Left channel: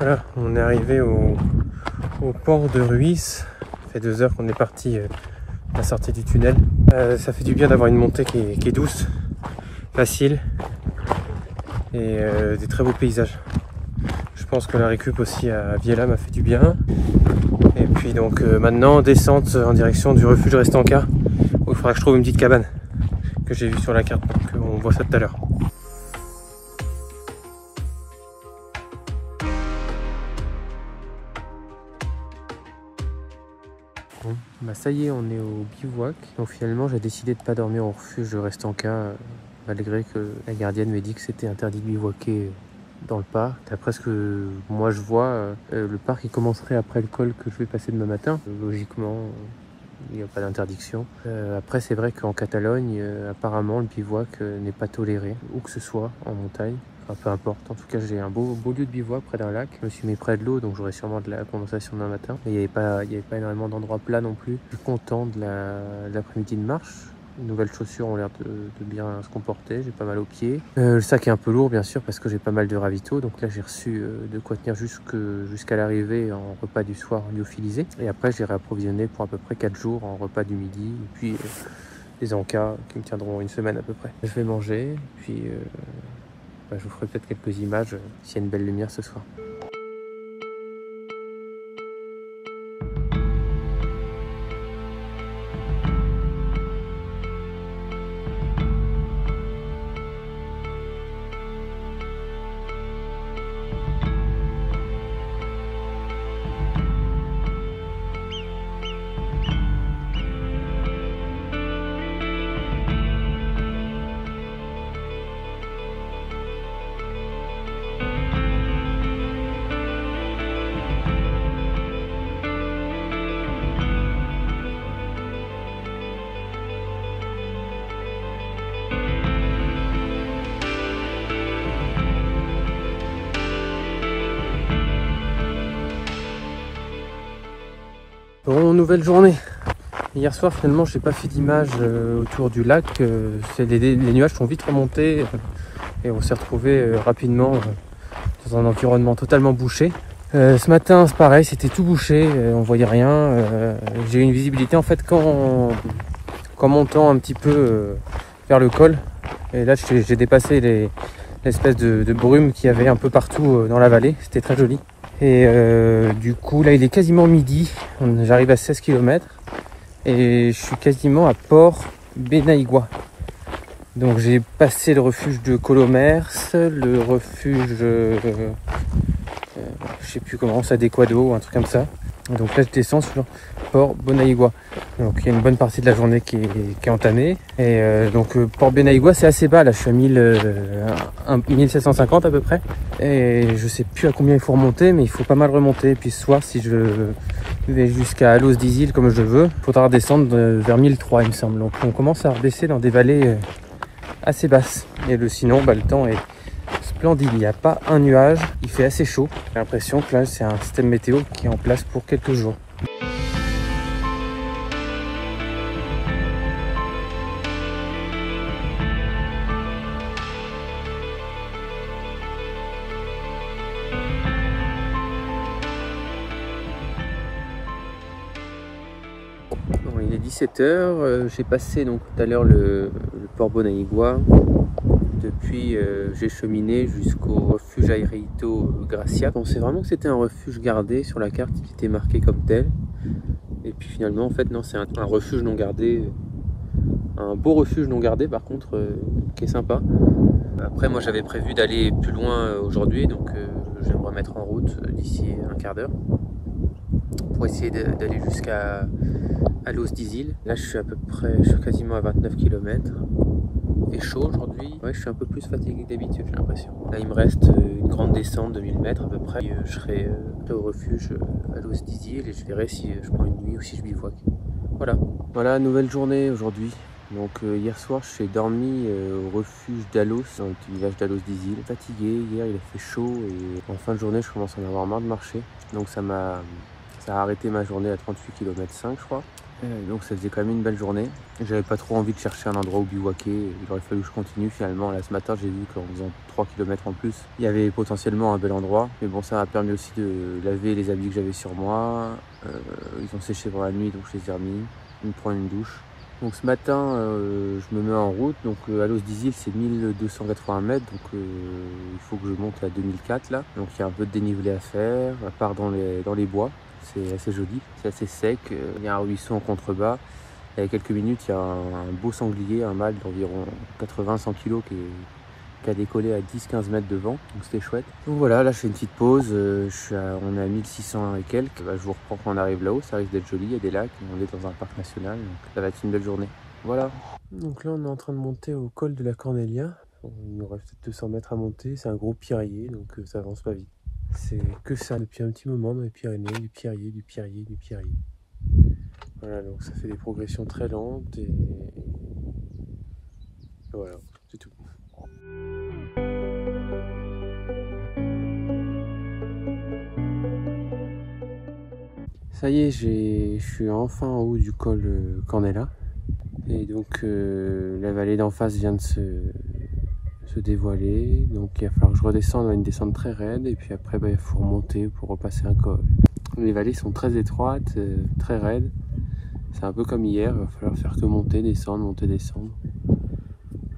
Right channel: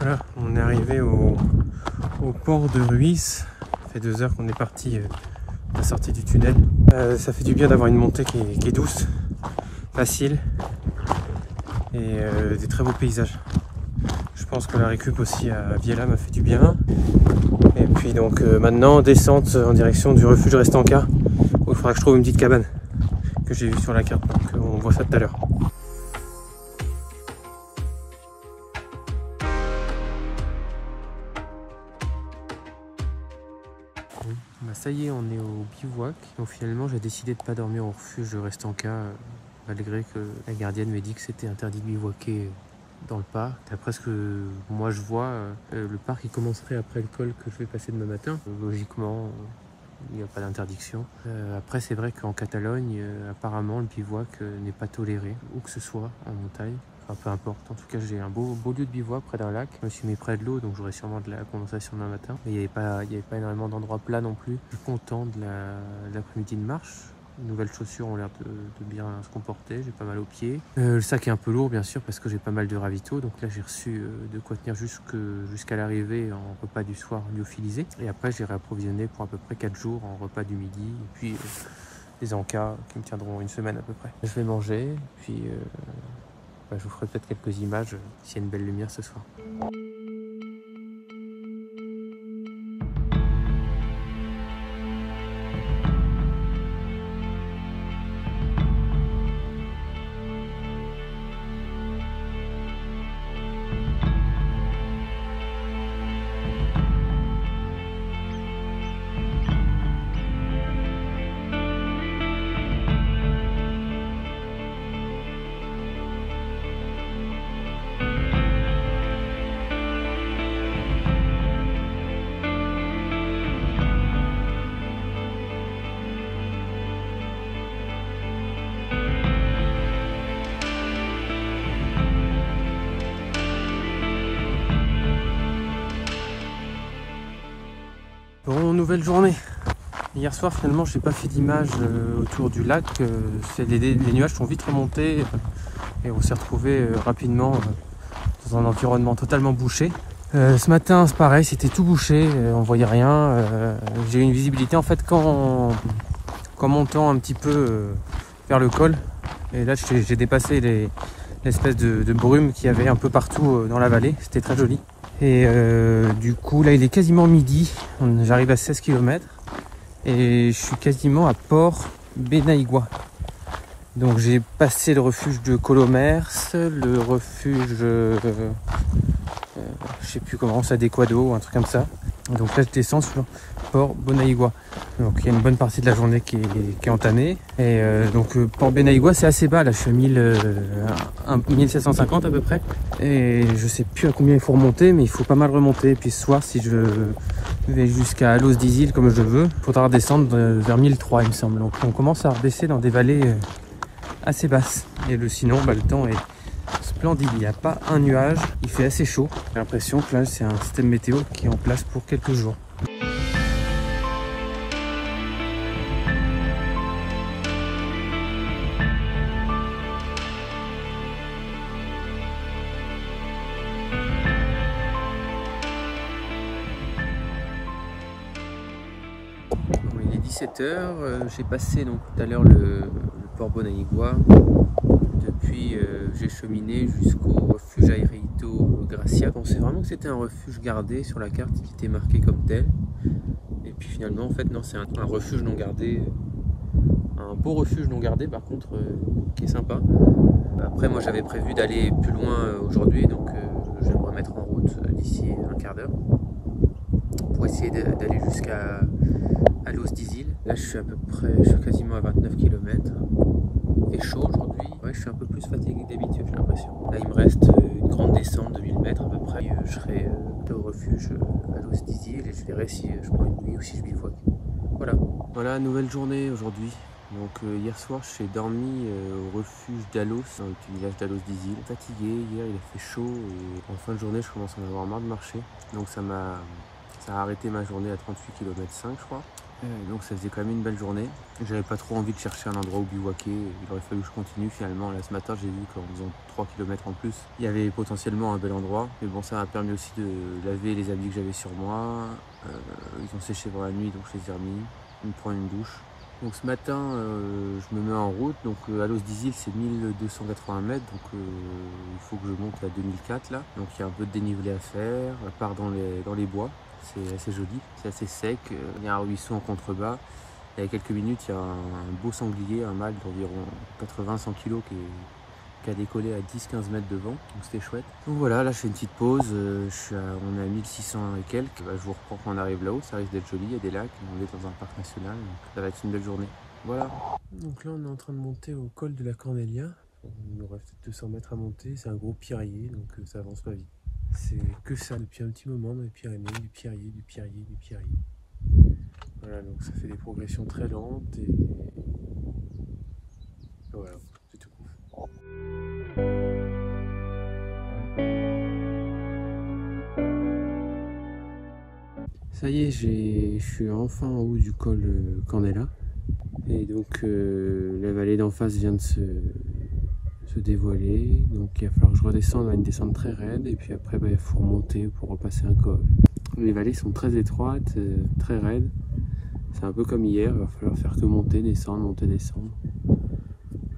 Voilà, on est arrivé au port de Ruis. Ça fait 2 heures qu'on est parti à la sortie du tunnel. Ça fait du bien d'avoir une montée qui est douce, facile et des très beaux paysages. Je pense que la récup aussi à Viella m'a fait du bien. Et puis donc maintenant descente en direction du refuge Restanca où il faudra que je trouve une petite cabane que j'ai vue sur la carte, donc on voit ça tout à l'heure. Bon, bah ça y est, on est au bivouac. Donc finalement j'ai décidé de pas dormir au refuge de Restanca malgré que la gardienne m'a dit que c'était interdit de bivouaquer dans le parc. D'après ce que moi je vois, le parc il commencerait après le col que je vais passer demain matin. Logiquement, il n'y a pas d'interdiction. Après, c'est vrai qu'en Catalogne, apparemment, le bivouac n'est pas toléré, où que ce soit, en montagne. Enfin, peu importe. En tout cas, j'ai un beau lieu de bivouac près d'un lac. Je me suis mis près de l'eau, donc j'aurai sûrement de la condensation demain matin. Et il n'y avait pas énormément d'endroits plats non plus. Je suis content de l'après-midi de marche. Les nouvelles chaussures ont l'air de bien se comporter, j'ai pas mal aux pieds. Le sac est un peu lourd bien sûr parce que j'ai pas mal de ravitaux, donc là j'ai reçu de quoi tenir jusqu'à l'arrivée en repas du soir lyophilisé. Et après j'ai réapprovisionné pour à peu près 4 jours en repas du midi, et puis des encas qui me tiendront une semaine à peu près. Je vais manger, puis je vous ferai peut-être quelques images s'il y a une belle lumière ce soir. Bon, nouvelle journée. Hier soir finalement j'ai pas fait d'image autour du lac. Les nuages sont vite remontés et on s'est retrouvé rapidement dans un environnement totalement bouché. Ce matin c'est pareil, c'était tout bouché, on voyait rien. J'ai eu une visibilité en fait qu'en montant un petit peu vers le col. Et là j'ai dépassé l'espèce de brume qu'il y avait un peu partout dans la vallée. C'était très joli. Et du coup là il est quasiment midi, j'arrive à 16 km et je suis quasiment à Port Benaïgua. Donc j'ai passé le refuge de Colomers, le refuge je sais plus comment, Sadequado ou un truc comme ça. Donc là je descends sur Port Benaïgua. Donc il y a une bonne partie de la journée qui est entamée. Et donc Port Benaïgua c'est assez bas, là je suis à 1750 à peu près. Et je sais plus à combien il faut remonter, mais il faut pas mal remonter. Et puis ce soir si je vais jusqu'à Los d'Isil comme je veux, il faudra redescendre vers 1003 il me semble. Donc on commence à redescendre dans des vallées assez basses. Et sinon le temps est splendide, il n'y a pas un nuage, il fait assez chaud. J'ai l'impression que là c'est un système météo qui est en place pour quelques jours. Bon, il est 17 h, j'ai passé donc tout à l'heure le port Benaïgua. Depuis, j'ai cheminé jusqu'au refuge Airito Gracia. On sait vraiment que c'était un refuge gardé sur la carte qui était marqué comme tel. Et puis finalement, en fait, non, c'est un refuge non gardé. Un beau refuge non gardé, par contre, qui est sympa. Après, moi, j'avais prévu d'aller plus loin aujourd'hui, donc je vais me remettre en route d'ici un quart d'heure pour essayer d'aller jusqu'à Los d'Isil. Là, je suis quasiment à 29 km. Il fait chaud aujourd'hui. Ouais, je suis un peu plus fatigué que d'habitude, j'ai l'impression. Là, il me reste une grande descente de 1000 mètres à peu près. Je serai au refuge à Los d'Isil et je verrai si je prends une nuit ou si je bivouac. Voilà, nouvelle journée aujourd'hui. Donc hier soir, j'ai dormi au refuge d'Alos, dans le petit village d'Alos d'Isil. Fatigué, hier il a fait chaud et en fin de journée, je commence à en avoir marre de marcher. Donc ça m'a Ça a arrêté ma journée à 38 km 5 je crois. Donc ça faisait quand même une belle journée. J'avais pas trop envie de chercher un endroit où bivouaquer. Il aurait fallu que je continue finalement. Là ce matin j'ai vu qu'en faisant 3 km en plus, il y avait potentiellement un bel endroit. Mais bon, ça m'a permis aussi de laver les habits que j'avais sur moi. Ils ont séché pendant la nuit donc je les ai remis. De prendre une douche. Donc ce matin je me mets en route. Donc à Los d'Isil c'est 1280 mètres. Donc il faut que je monte à 2004 là. Donc il y a un peu de dénivelé à faire, à part dans les bois. C'est assez joli, c'est assez sec, il y a un ruisseau en contrebas. Il y a quelques minutes, il y a un beau sanglier, un mâle d'environ 80-100 kg qui a décollé à 10-15 mètres devant, donc c'était chouette. Donc voilà, là je fais une petite pause, on est à 1600 et quelques. Je vous reprends quand on arrive là-haut, ça risque d'être joli, il y a des lacs, on est dans un parc national, donc ça va être une belle journée. Voilà. Donc là on est en train de monter au col de la Cornelia. Il nous reste peut-être 200 mètres à monter, c'est un gros pierrier, donc ça avance pas vite. C'est que ça depuis un petit moment dans les Pyrénées, du pierrier, du pierrier, du pierrier. Voilà, donc ça fait des progressions très lentes et voilà, c'est tout. Ça y est, je suis enfin en haut du col Cornelia. Et donc la vallée d'en face vient de se dévoiler. Donc il va falloir que je redescende à une descente très raide. Et puis après, il faut remonter pour repasser un col. Les vallées sont très étroites, très raides. C'est un peu comme hier, il va falloir faire que monter, descendre.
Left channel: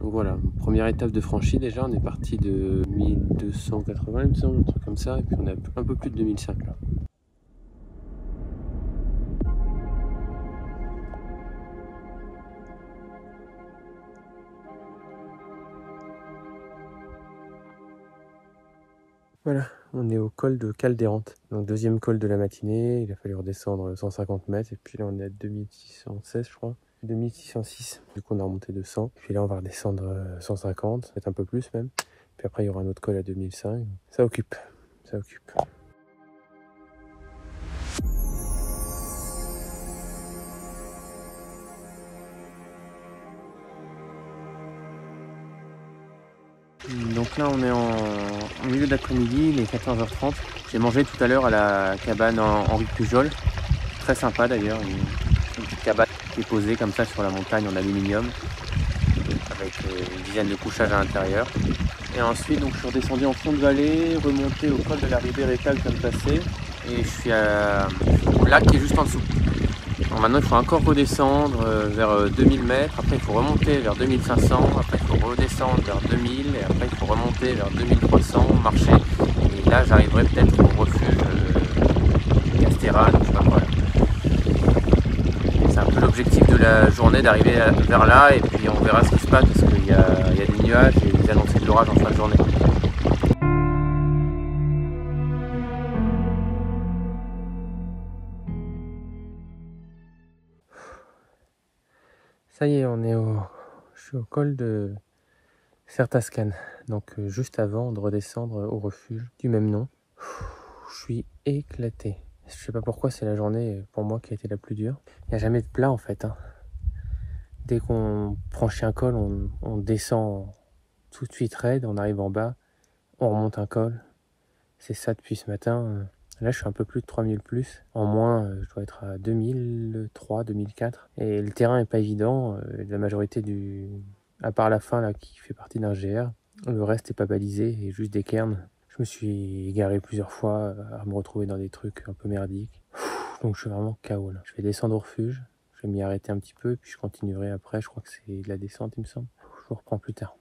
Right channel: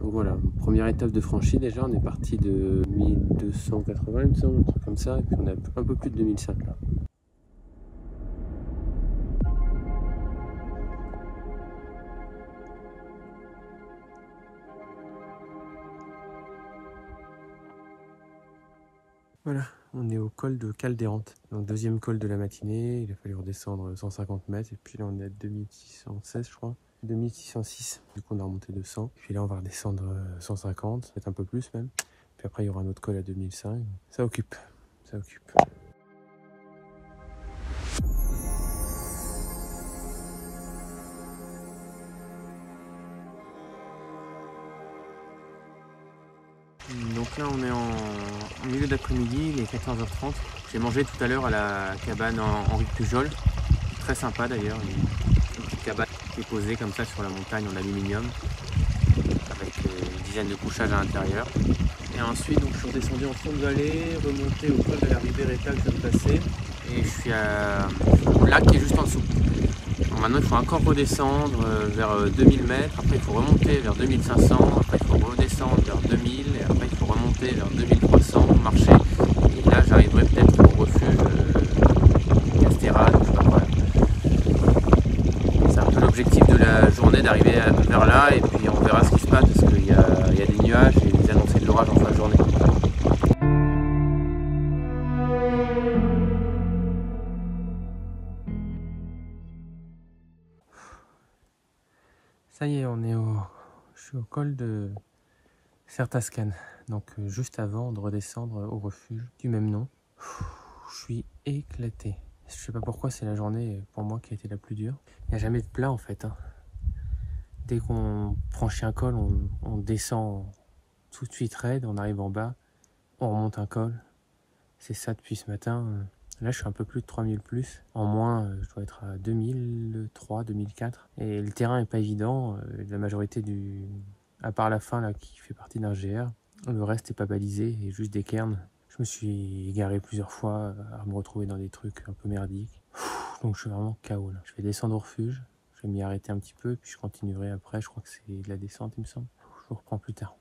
Donc voilà, première étape de franchie déjà, on est parti de 1280 il me semble, un truc comme ça. Et puis on a un peu plus de 2005 là. Voilà, on est au col de Caldérante, donc deuxième col de la matinée. Il a fallu redescendre 150 mètres et puis là on est à 2616 je crois, 2606. Du coup on a remonté de 100. Puis là on va redescendre 150, peut-être un peu plus même. Puis après il y aura un autre col à 2005. Ça occupe, ça occupe. Donc là on est en milieu d'après-midi, il est 14h30. J'ai mangé tout à l'heure à la cabane Henri Pujol. Très sympa d'ailleurs, une petite cabane qui est posée comme ça sur la montagne en aluminium, avec une dizaine de couchages à l'intérieur. Et ensuite donc, je suis redescendu en fond de vallée, remonté au col de la Ribéreta que je viens de passer. Et je suis au lac qui est juste en dessous. Alors maintenant il faut encore redescendre vers 2000 mètres, après il faut remonter vers 2500, après il faut redescendre vers 2000 et après il faut remonter vers 2300, marcher. Et là j'arriverai peut-être au refuge Castéran, je sais pas quoi. C'est un peu l'objectif de la journée d'arriver vers là et puis on verra ce qui se passe parce qu'il y a des nuages et des annoncés de l'orage en fin de journée. Ça y est, je suis au col de Certascan, donc juste avant de redescendre au refuge du même nom. Je suis éclaté. Je sais pas pourquoi, c'est la journée pour moi qui a été la plus dure. Il n'y a jamais de plat en fait. Dès qu'on franchit un col, on descend tout de suite raide, on arrive en bas, on remonte un col. C'est ça depuis ce matin. Là, je suis un peu plus de 3000 plus. En moins, je dois être à 2003, 2004. Et le terrain est pas évident. La majorité à part la fin là, qui fait partie d'un GR, le reste est pas balisé et juste des cairns. Je me suis égaré plusieurs fois à me retrouver dans des trucs un peu merdiques. Donc je suis vraiment KO là. Je vais descendre au refuge. Je vais m'y arrêter un petit peu, puis je continuerai après. Je crois que c'est de la descente, il me semble. Je vous reprends plus tard.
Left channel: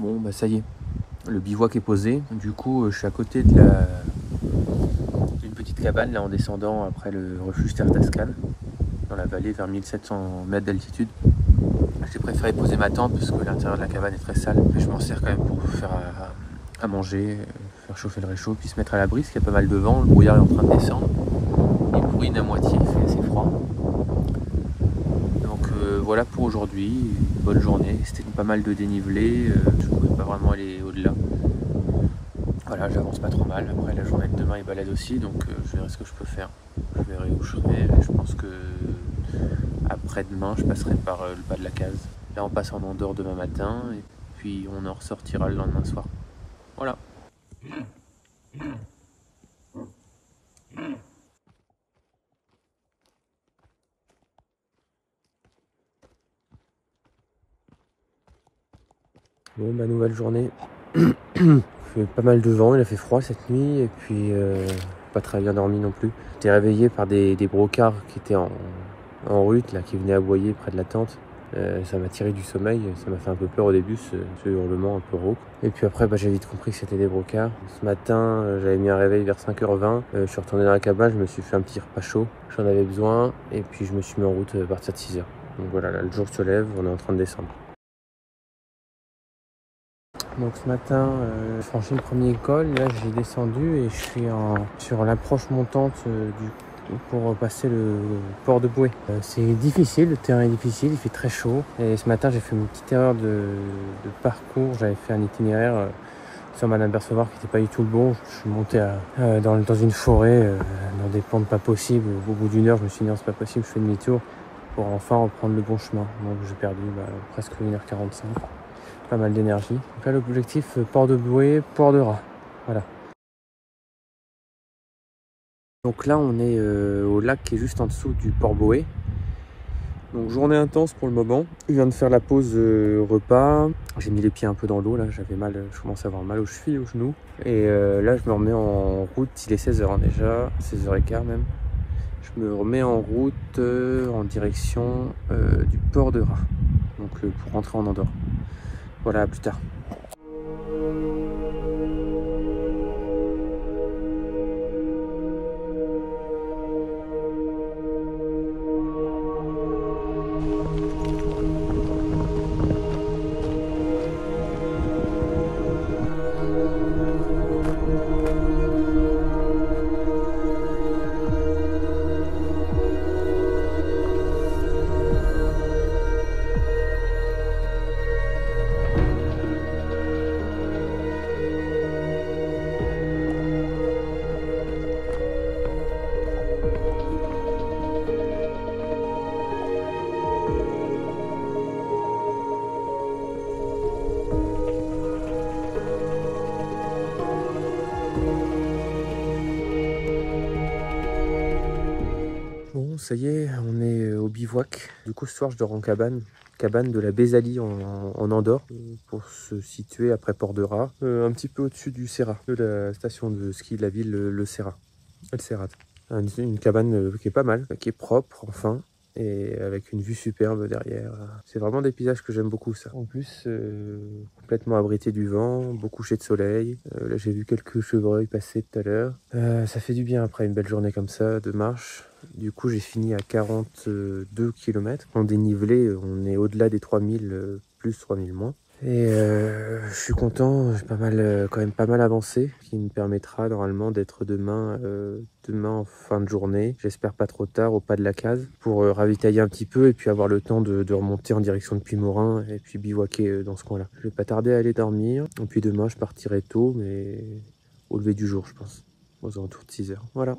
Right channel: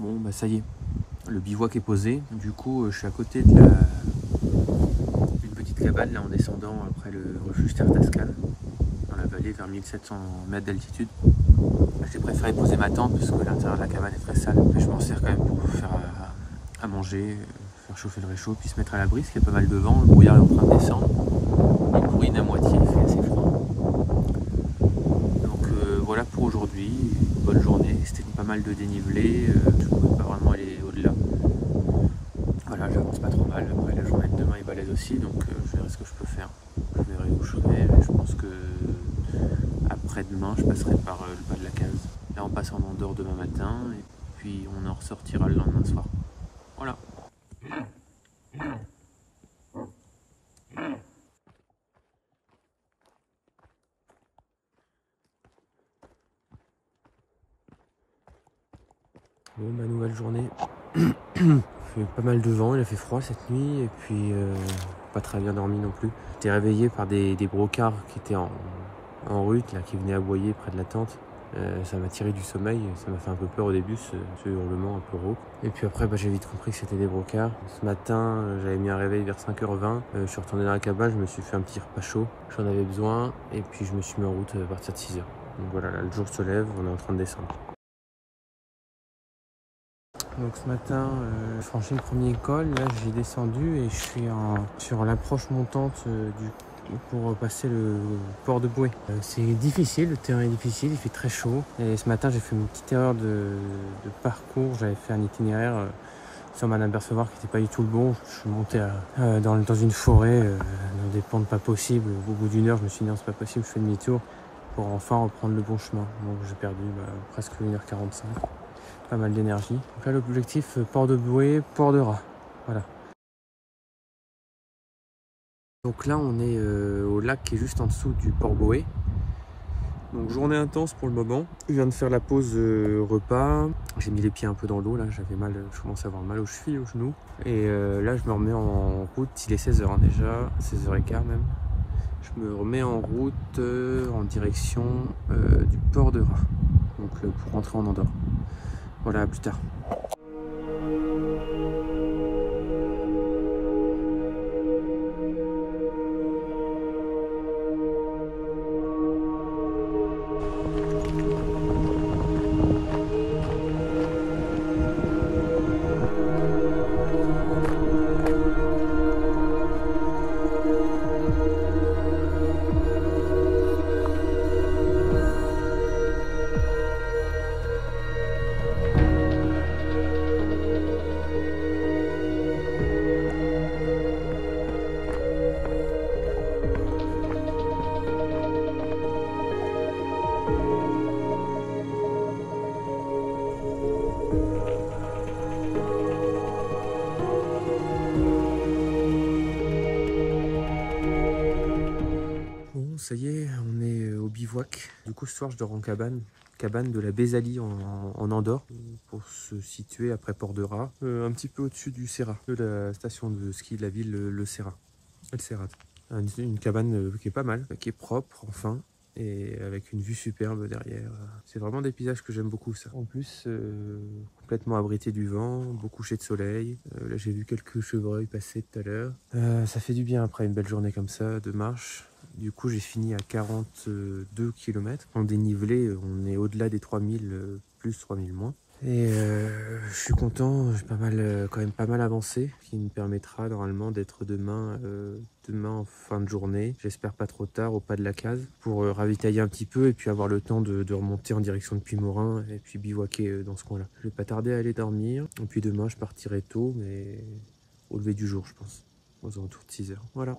Bon bah ça y est, le bivouac est posé. Du coup je suis à côté d'une petite cabane là en descendant après le refuge Certascan. dans la vallée vers 1700 mètres d'altitude. J'ai préféré poser ma tente parce que l'intérieur de la cabane est très sale. Puis je m'en sers quand même pour faire à manger, faire chauffer le réchaud, puis se mettre à l'abri parce qu'il y a pas mal de vent, le brouillard est en train de descendre. Il bourrine à moitié, il fait assez froid. Donc voilà pour aujourd'hui, bonne journée, c'était pas mal de dénivelé, je ne pouvais pas vraiment aller au-delà. Voilà, j'avance pas trop mal, après la journée de demain est balèze aussi, donc je verrai ce que je peux faire. Je verrai où je serai, et je pense que après-demain je passerai par le bas de la case. Là on passe en Andorre demain matin, et puis on en ressortira le lendemain soir. Voilà. Bon, ma nouvelle journée. Il fait pas mal de vent, il a fait froid cette nuit et puis pas très bien dormi non plus. J'étais réveillé par des brocards qui étaient en route, là, qui venaient aboyer près de la tente. Ça m'a tiré du sommeil, ça m'a fait un peu peur au début, ce hurlement un peu rauque. Et puis après, j'ai vite compris que c'était des brocards. Ce matin, j'avais mis un réveil vers 5h20. Je suis retourné dans la cabane, je me suis fait un petit repas chaud. J'en avais besoin et puis je me suis mis en route à partir de 6h. Donc voilà, là, le jour se lève, on est en train de descendre. Donc ce matin, je franchis le premier col, là j'ai descendu et je suis sur l'approche montante pour passer le port de Bouée. C'est difficile, le terrain est difficile, il fait très chaud. Et ce matin j'ai fait une petite erreur de parcours, j'avais fait un itinéraire sans m'en apercevoir qui n'était pas du tout le bon. Je suis monté dans une forêt, dans des pentes pas possibles. Au bout d'une heure je me suis dit non c'est pas possible, je fais demi-tour pour enfin reprendre le bon chemin. Donc j'ai perdu presque 1h45. Pas mal d'énergie. Donc là l'objectif port de Bouée, port de Raz. Voilà. Donc là on est au lac qui est juste en dessous du port Bouée. Donc journée intense pour le moment. Je viens de faire la pause repas. J'ai mis les pieds un peu dans l'eau là, j'avais mal, je commençais à avoir mal aux chevilles, aux genoux. Et là je me remets en route, il est 16h déjà, 16h15 même. Je me remets en route en direction du port de Raz. Donc pour rentrer en Andorre. Voilà, à plus tard. Bon, ça y est, on est au bivouac. Du coup, ce soir, je dors en cabane de la Bézalie en Andorre, pour se situer après Port de Raz, un petit peu au-dessus du Serrat, de la station de ski de la ville, le Serrat, El Serrat. Une cabane qui est pas mal, qui est propre, enfin, et avec une vue superbe derrière. C'est vraiment des paysages que j'aime beaucoup, ça. En plus, complètement abrité du vent, beau coucher de soleil. Là, j'ai vu quelques chevreuils passer tout à l'heure. Ça fait du bien après une belle journée comme ça, de marche. Du coup, j'ai fini à 42 km. En dénivelé, on est au-delà des 3000, plus 3000 moins. Et je suis content, j'ai quand même pas mal avancé, ce qui me permettra normalement d'être demain en fin de journée. J'espère pas trop tard, au pas de la case, pour ravitailler un petit peu et puis avoir le temps de remonter en direction de Puymorin et puis bivouaquer dans ce coin-là. Je vais pas tarder à aller dormir. Et puis demain, je partirai tôt, mais au lever du jour, je pense, aux alentours de 6h. Voilà.